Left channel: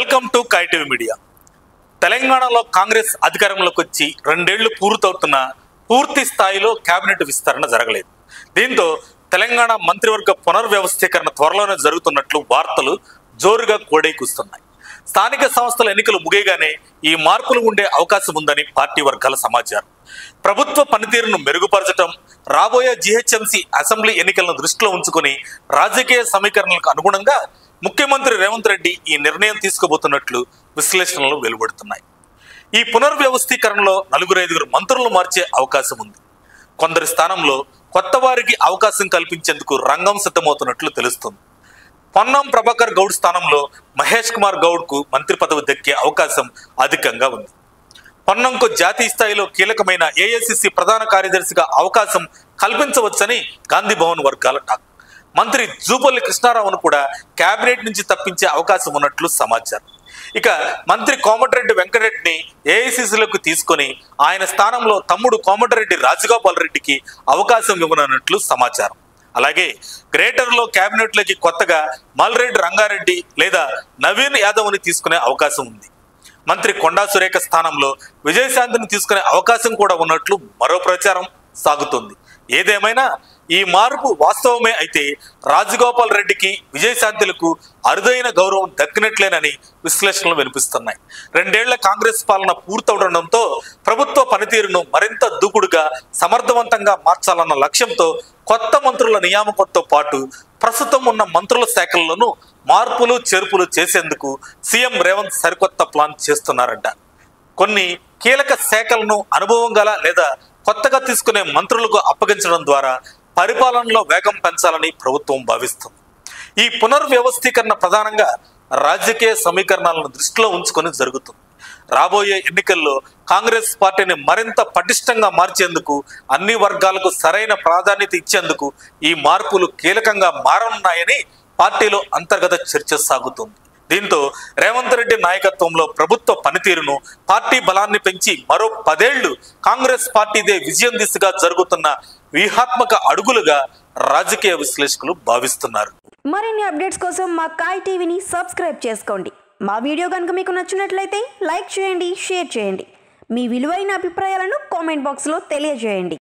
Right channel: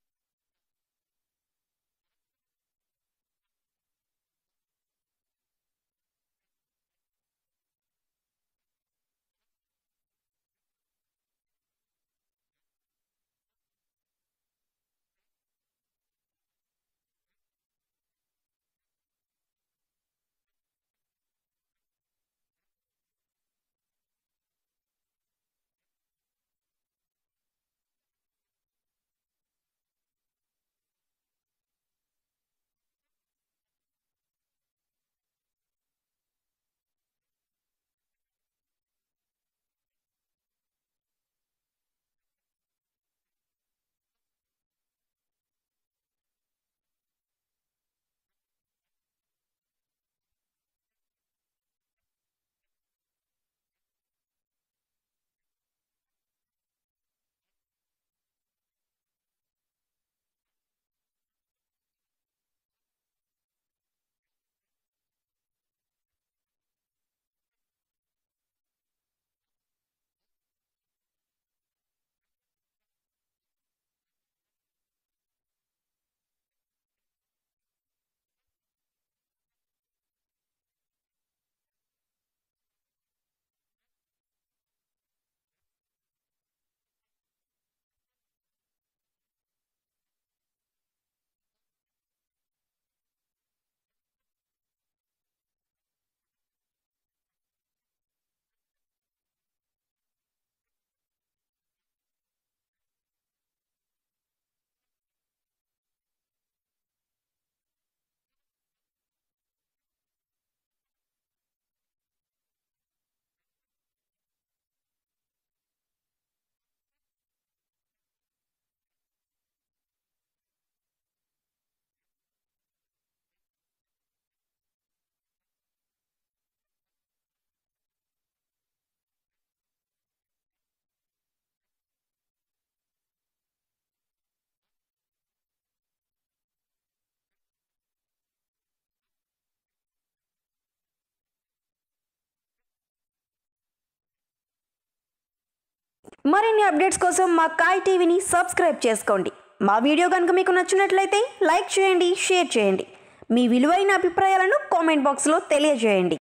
Welcome to కైటీవీ media. తెలంగాణలో కాంగ్రెస్ అధికారంలోకి వచ్చి 2 ఏళ్లు పూర్తవుతున్న పూర్తి స్థాయిలో కేబినెట్ విస్తరణ జరగలేదు. దీంతో తెలంగాణ మంత్రివర్గ పునర్వ్యవస్థీకరణ త్వరలోనే జరుగుతున్నట్లు వార్తలు జోరుగా కోడైకూస్తున్నాయి. స్థానిక సంస్థల ఎన్నికలు ముగియగానే ఈ మార్పులు ఉండే అవకాశం ఉందని పార్టీ వర్గాల సమాచారం. ప్రభుత్వ పనితీరును మెరుగుపరచడం, రాబోయే జీహెచ్ఎంసీ అసెంబ్లీ ఎన్నికలను దృష్టిలో ఉంచుకొని రాజకీయ సమీకరణలకు అనుగుణంగా ముఖ్యమంత్రి రేవంత్ రెడ్డి ఈ నిర్ణయం తీసుకోబోతున్నట్లు విశ్లేషణలు వెలువడుతున్నాయి. ఈ పునర్వ్యవస్థీకరణలో 4-5 మంత్రులను మార్చే అవకాశం ఉంది. కొందరి స్థానంలో కొత్త వారికి అవకాశం కల్పించేందుకు రంగం సిద్ధమవుతున్నట్లు తెలుస్తుంది. పొన్నం ప్రభాకర్ గౌడ్ స్థానంలో మహేష్ కుమార్ గౌడ్ కు మంత్రి పదవి దక్కే అవకాశం అధికంగా ఉంది. పొన్నంకు జాతీయ స్థాయిలో కీలకమైన ఏఐసిసి ప్రధాన కార్యదర్శిగా అవకాశం కల్పించవచ్చని గాంధీ భవన్ వర్గాల టాక్. మంత్రి జూపల్లి కృష్ణారావును కూడా కేబినెట్ నుంచి తప్పించే అవకాశం ఉన్నట్లు సమాచారం. ఇక మంత్రి కోమటిరెడ్డి వెంకటరెడ్డిని ఏఐసిసిలోకి తీసుకొని ఆయన స్థానంలో తమ్ముడు కోమటిరెడ్డి రాజగోపాల్ రెడ్డికి అవకాశం ఇవ్వనున్నట్లు సమాచారం. అలాగే గ్రేటర్లో కేబినెట్లోకి కొత్తగా మల్రెడ్డి రంగారెడ్డి లేదా నవీన్ యాదవ్ని తీసుకునే అవకాశం ఉంది. మంత్రి కొండా సురేఖ స్థానంలో విజయశాంతిని తీసుకునే అవకాశం కూడా ఉన్నట్లు మరో ప్రచారం సాగుతోంది. ఏదేమైనా ఈ మార్పు వాస్తవమే అయితే రాజగోపాల్ రెడ్డికి, విజయశాంతులకు అరుదైన గౌరవం దక్కినట్లేనని విశ్లేషణలు వినిపిస్తున్నాయి. 2 ఏళ్ల కాంగ్రెస్ పాలన పూర్తవడంతో ప్రభుత్వ పనితీరును మరింత దూకుడుగా, సమర్థవంతంగా మార్చాలన్న లక్ష్యంతో కొత్త మంత్రుల నియామకంతో పాటు ప్రస్తుతం ఉన్న మంత్రుల శాఖల్లోనూ మార్పులు చేర్పులు చేసేందుకు సీఎం రేవంత్ సరికొత్త ప్లాన్ చేస్తున్నారంట. కొన్ని కీలక శాఖలను అనుభవం గల లేదా కొత్తగా తీసుకునే మంత్రులకు అప్పగించడం ద్వారా పరిపాలనలో వేగం పెంచాలని ప్రభుత్వం భావిస్తుంది. ఈ పునర్వ్యవస్థీకరణ ప్రధానంగా రాజకీయ సమీకరణాలను దృష్టిలో ఉంచుకొని జరుగుతుంది. రాబోయే ఎన్నికల్లో కాంగ్రెస్ పార్టీని మరింత పటిష్టంగా మార్చేందుకు, అన్ని వర్గాలకు సరైన ప్రాధాన్యత ఇచ్చేందుకు ఈ మార్పులు కీలకంగా మారనున్నాయని పార్టీలో అంతర్గత చర్చ సాగుతుంది. దీంతో రేవంత్ రెడ్డి నాయకత్వంలో ప్రభుత్వ పనితీరును, పార్టీ బలాన్ని పెంచి మరో 10 ఏళ్లు కాంగ్రెస్ పార్టీదే విజయం దిశగా జరుగుతున్న వ్యూహాత్మక అడుగులుగా రాజకీయ విశ్లేషకులు భావిస్తున్నారు. మరిన్ని అప్డేట్స్ కోసం మా కాయ్ టీవీని సబ్స్క్రైబ్ చేసుకోండి. మా వీడియో కనుక మీకు నచ్చినట్లయితే లైక్ చేయండి, షేర్ చేయండి. మీ విలువైన అభిప్రాయాలను కామెంట్ బాక్స్లో తెలియజేయండి.